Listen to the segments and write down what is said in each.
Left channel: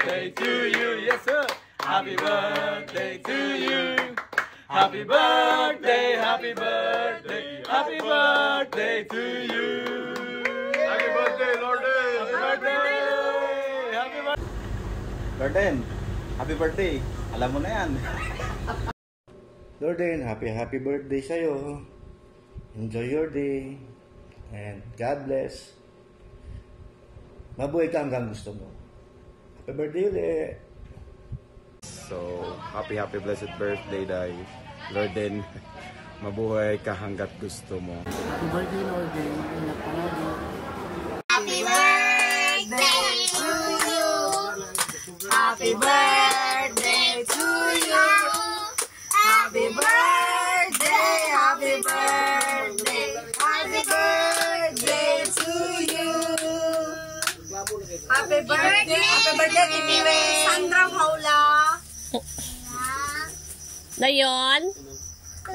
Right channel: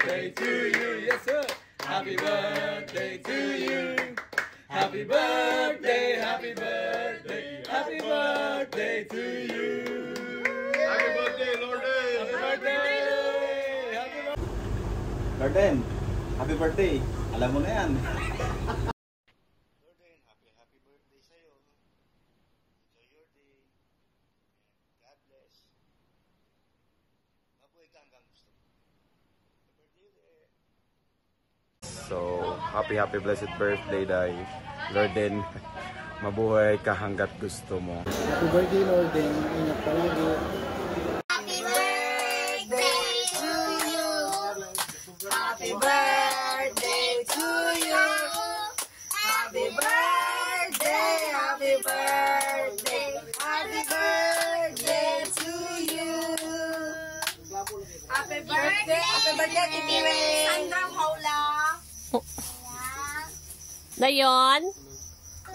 birthday to you. Yes, sir. Happy birthday to you. Happy birthday, happy birthday, happy birthday to you. Happy birthday, Lorden. Happy birthday. Happy birthday. Lorden, happy birthday. Alam mo na yan. Lorden, happy birthday sa'yo. Enjoy your day. And God bless. Mabuhay ka hanggang gusto mo. Happy birthday ulit. So, happy blessed birthday, Day. Lorden, mabuhay ka hanggat gusto mo. Happy birthday, Lorden. Ingat pa ulit. Happy birthday to you. Happy birthday to you. Happy birthday, happy birthday, happy birthday to you. Happy birthday, Tipiwe Sandra Paula. Dayon?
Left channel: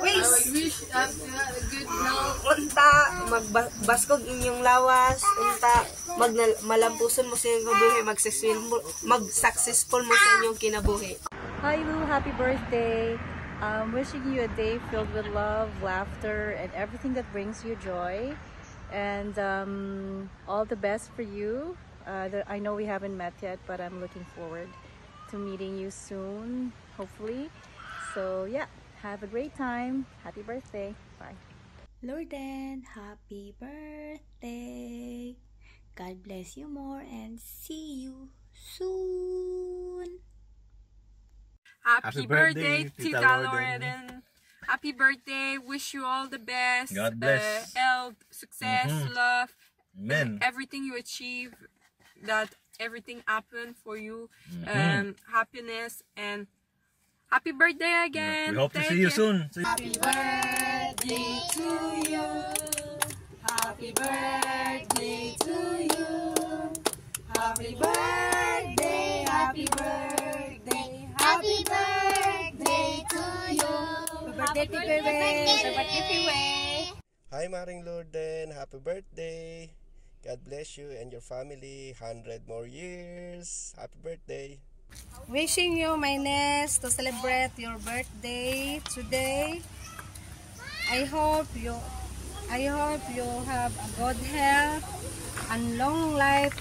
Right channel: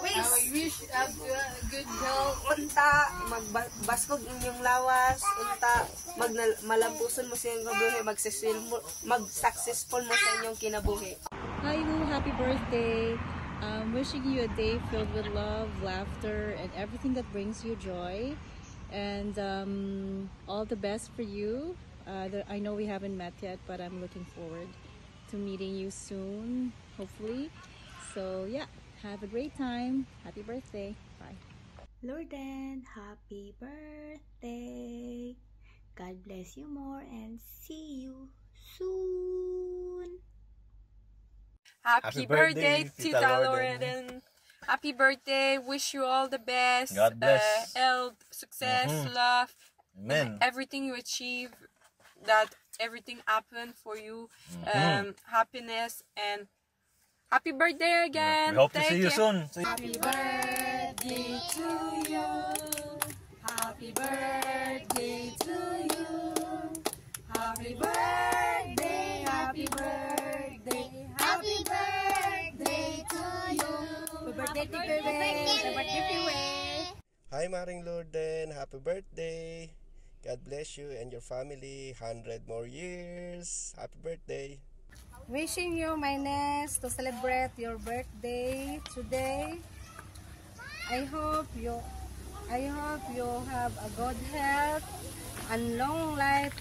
Wish a good health. Unta, magbaskog inyong lawas. Unta, malampuson mo sa inyong kabuhi. Mag-successful mo sa inyong kinabuhi. Hi Lou, happy birthday. Wishing you a day filled with love, laughter, and everything that brings you joy. And all the best for you. I know we haven't met yet, but I'm looking forward to meeting you soon, hopefully. So yeah, have a great time. Happy birthday. Bye. Lorden, happy birthday. God bless you more and see you soon. Happy birthday, Tita Lorden. Happy birthday. Wish you all the best. God bless. Health, success, love. Amen. Everything you achieve, that everything happen for you. Happiness and happy birthday again. We hope to see you soon. Happy birthday to you. Happy birthday to you. Happy birthday, happy birthday, happy birthday to you. Happy birthday, Hi Maring Lorden, happy birthday. God bless you and your family 100 more years. Happy birthday. Wishing you, my niece, to celebrate your birthday today. I hope you have a good health and long life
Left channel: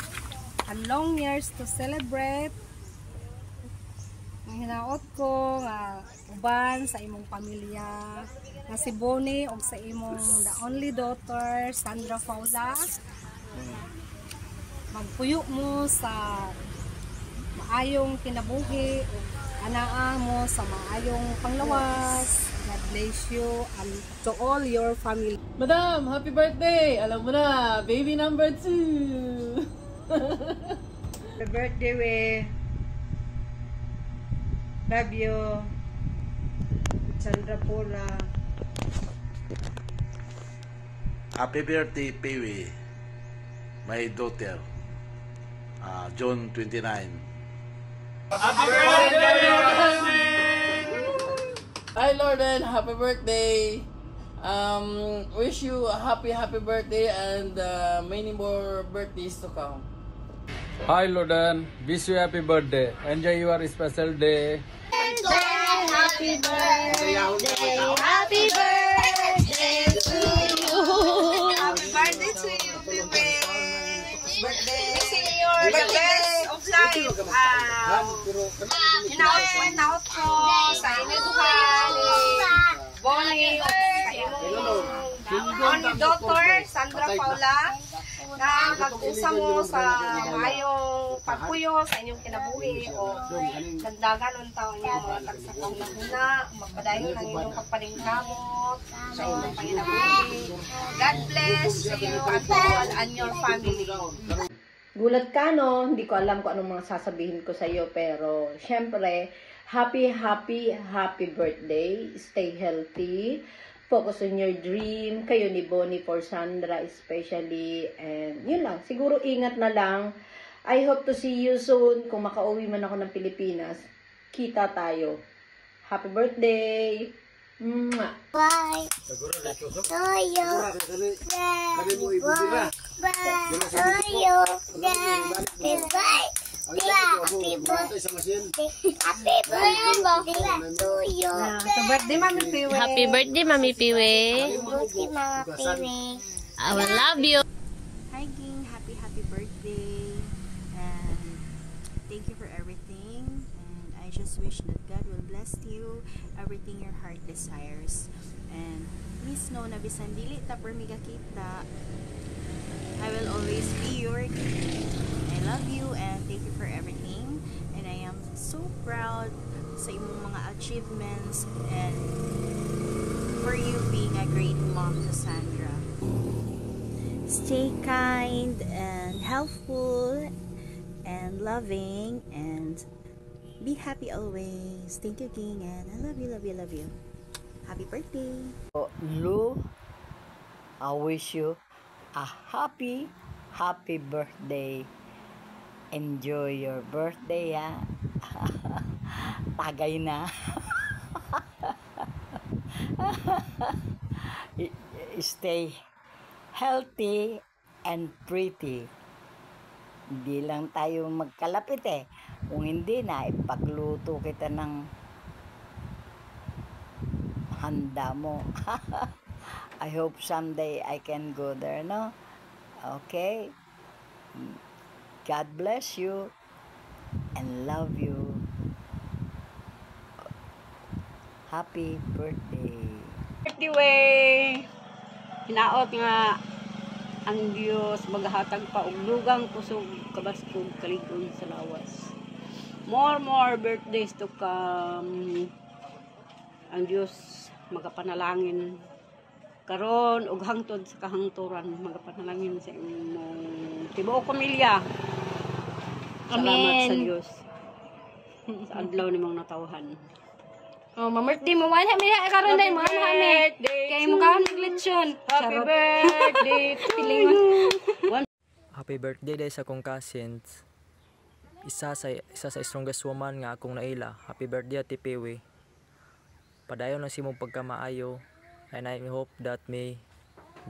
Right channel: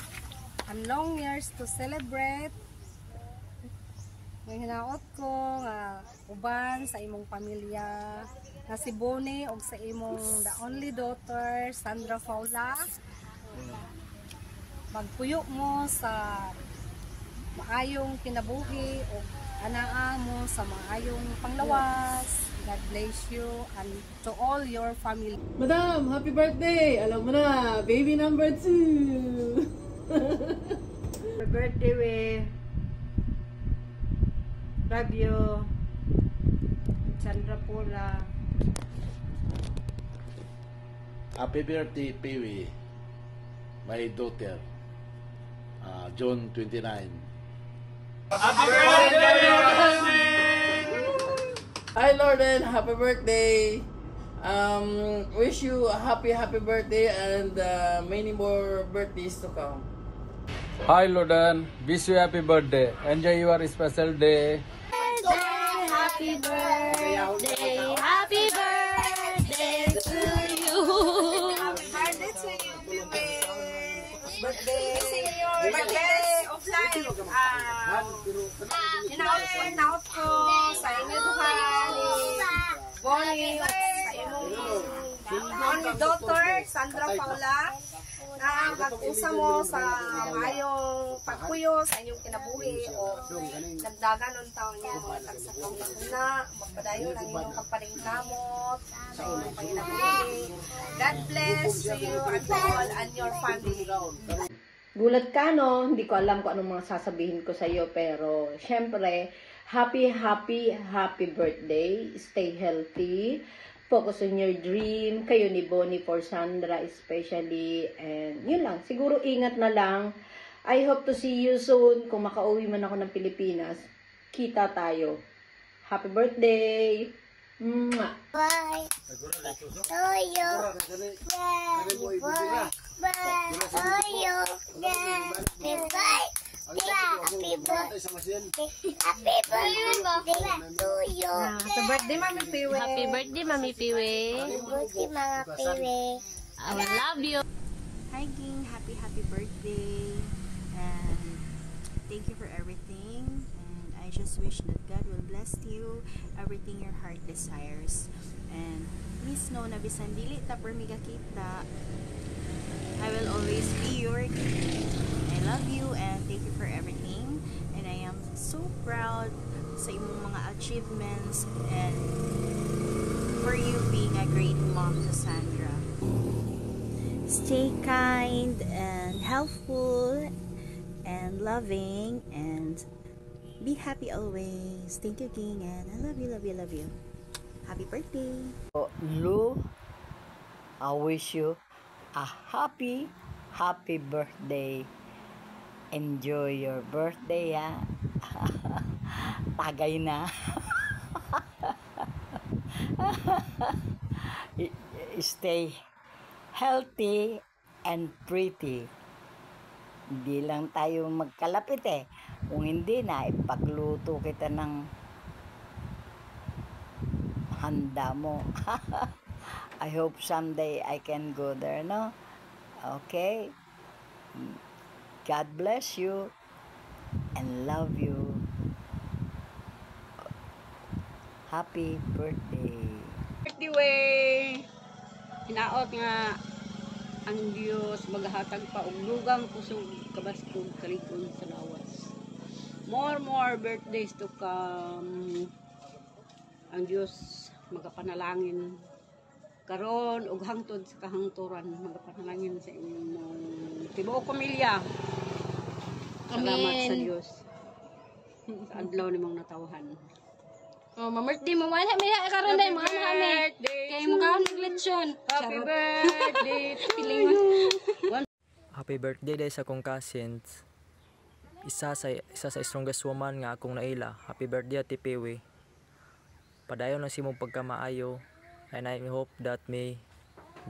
and long years to celebrate. Ang hinaot ko nga uban sa imong pamilya nga si Bonnie ug sa imong the only daughter Sandra Paula. Magpuyo mo sa maayong kinabuhi o anaa mo sa maayong panglawas. God bless you and to all your family. Madam, happy birthday! Alam mo na, baby number 2! Happy birthday, we. Love you. Sandra Paula. Happy birthday, Pewe. My daughter. June 29. Happy birthday, Hi Lorden, happy birthday! Wish you a happy birthday and many more birthdays to come. Hi Lorden, wish you happy birthday. Enjoy your special day. Happy birthday, happy birthday to you. Happy birthday to you, baby. Birthday. Wishing your the best of life. Hinaut ko sa inyong Bonnie, sa imong only daughter, Sandra Paula. Na mag-usa mo sa mayong pagpuyo sa inyong kinabuhi o nagdagan ng taon niyo mga tagsakong mahina, magpadayon ng inyong kapalingkamot sa inyong panginabuhi. God bless you and your family. Gulat ka, no? Hindi ko alam kung anong mga sasabihin ko sa iyo, pero syempre, happy birthday. Stay healthy. Focus on your dream. Kayo ni Bonnie for Sandra especially. And yun lang. Siguro ingat na lang. I hope to see you soon. Kung makauwi man ako ng Pilipinas, kita tayo. Happy birthday! Mwah! Bye! Toyo! Bye! Toyo! Bye! Happy birthday! to you. Sa birthday, Mami Piwi. Happy birthday, Mami Piwi. Birthday, Mama Piwi. I will love you. Hi, Ging. Happy birthday. And thank you for everything. And I just wish that God will bless you, everything your heart desires. And please know na bisan dili ta permiga kita, I will always be your king. I love you and thank you for everything. And I am so proud sa imong mga achievements and for you being a great mom to Sandra. Stay kind and helpful and loving and be happy always. Thank you, King, and I love you, love you, love you. Happy birthday. Lu, I wish you a happy birthday. Enjoy your birthday, ha. Tagay na. Stay healthy and pretty. Hindi lang tayo magkalapit eh. Kung hindi na, ipagluto kita ng handa mo. I hope someday I can go there, no? Okay? God bless you and love you. Happy birthday. Birthday way. Hinaot nga ang Diyos maghatag pa og dugang kusog kabaskog kalig-on sa lawas. More birthdays to come. Ang Diyos magapanalangin karon og hangtod sa kahangturan, magapanalangin sa imong tibuok pamilya. Salamat sa Diyos sa adlaw nimong natawhan. Oh, ma-birthday mo wala mi karon day mga hami. Kay mo kaon nagletsyon. Happy birthday to you. Happy birthday day sa akong cousins. Isa sa strongest woman nga akong naila. Happy birthday Ate Piwi. Padayon lang si mong pagkamaayo and I hope that may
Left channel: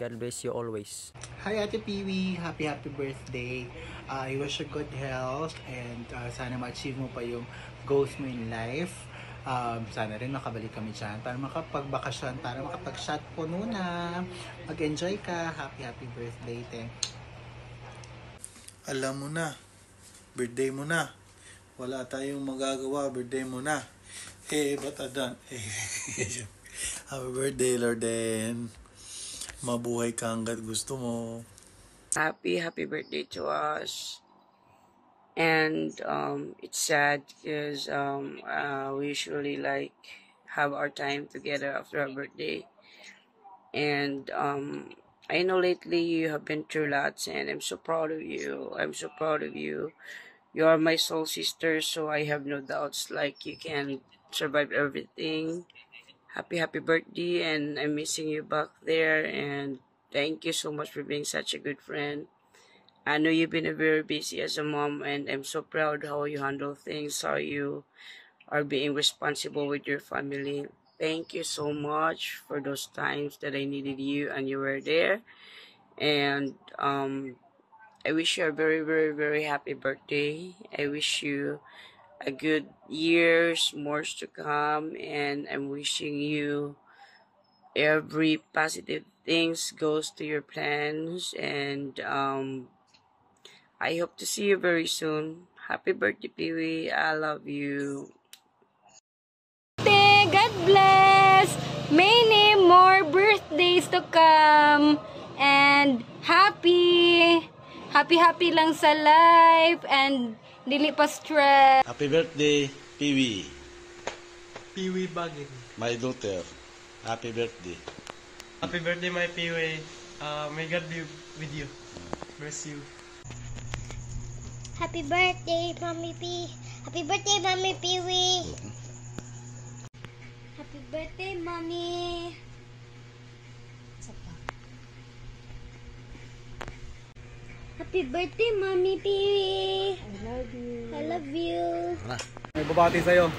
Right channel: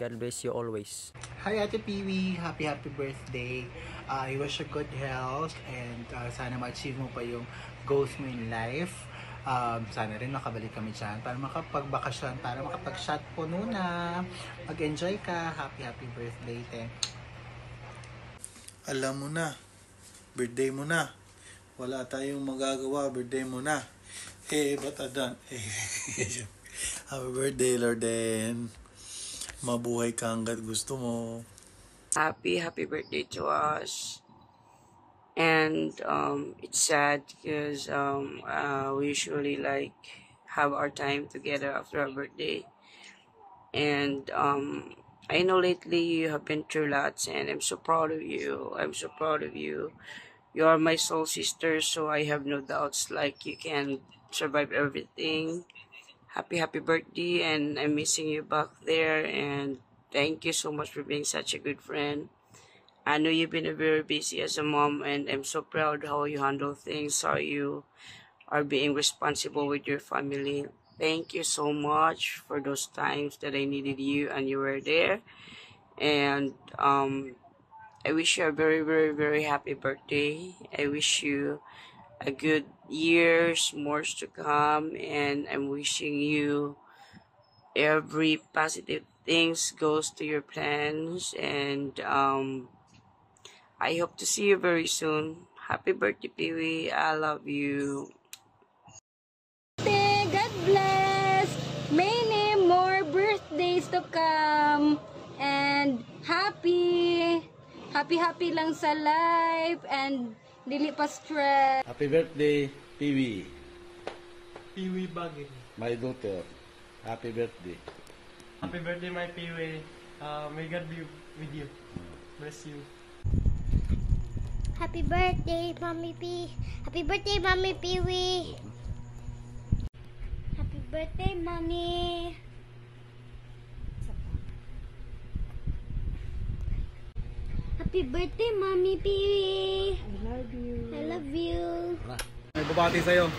God bless you always. Hi Ate Piwi, happy birthday. I wish you good health and sana ma-achieve mo pa yung goals mo in life. Sana rin makabalik kami dyan para makapagbakasyon, para makapag-shot po na. Mag-enjoy ka. Happy birthday, te. Alam mo na, birthday mo na. Wala tayong magagawa, birthday mo na. Ba't adan? Happy birthday, Lorden. Mabuhay ka hanggat gusto mo. Happy birthday to us. And it's sad because we usually like have our time together after our birthday. And I know lately you have been through lots, and I'm so proud of you. I'm so proud of you. You are my soul sister, so I have no doubts like you can survive everything. Happy birthday, and I'm missing you back there. And thank you so much for being such a good friend. I know you've been very busy as a mom, and I'm so proud how you handle things, how you are being responsible with your family. Thank you so much for those times that I needed you and you were there. And I wish you a very happy birthday. I wish you a good years, more to come, and I'm wishing you every positive things goes to your plans, and I hope to see you very soon. Happy birthday, Piwi. I love you. God bless. Many more birthdays to come. And happy lang sa life. And dili pa stress. Happy birthday, Piwi. Piwi Bagin. My daughter. Happy birthday. Happy birthday, my Piwi. May God be with you. Bless you. Happy birthday, Mommy P. Happy birthday, Mommy Piwi. Happy birthday, Mommy. Happy birthday, Mommy Piwi. I love you. I love you. May babati sa'yo.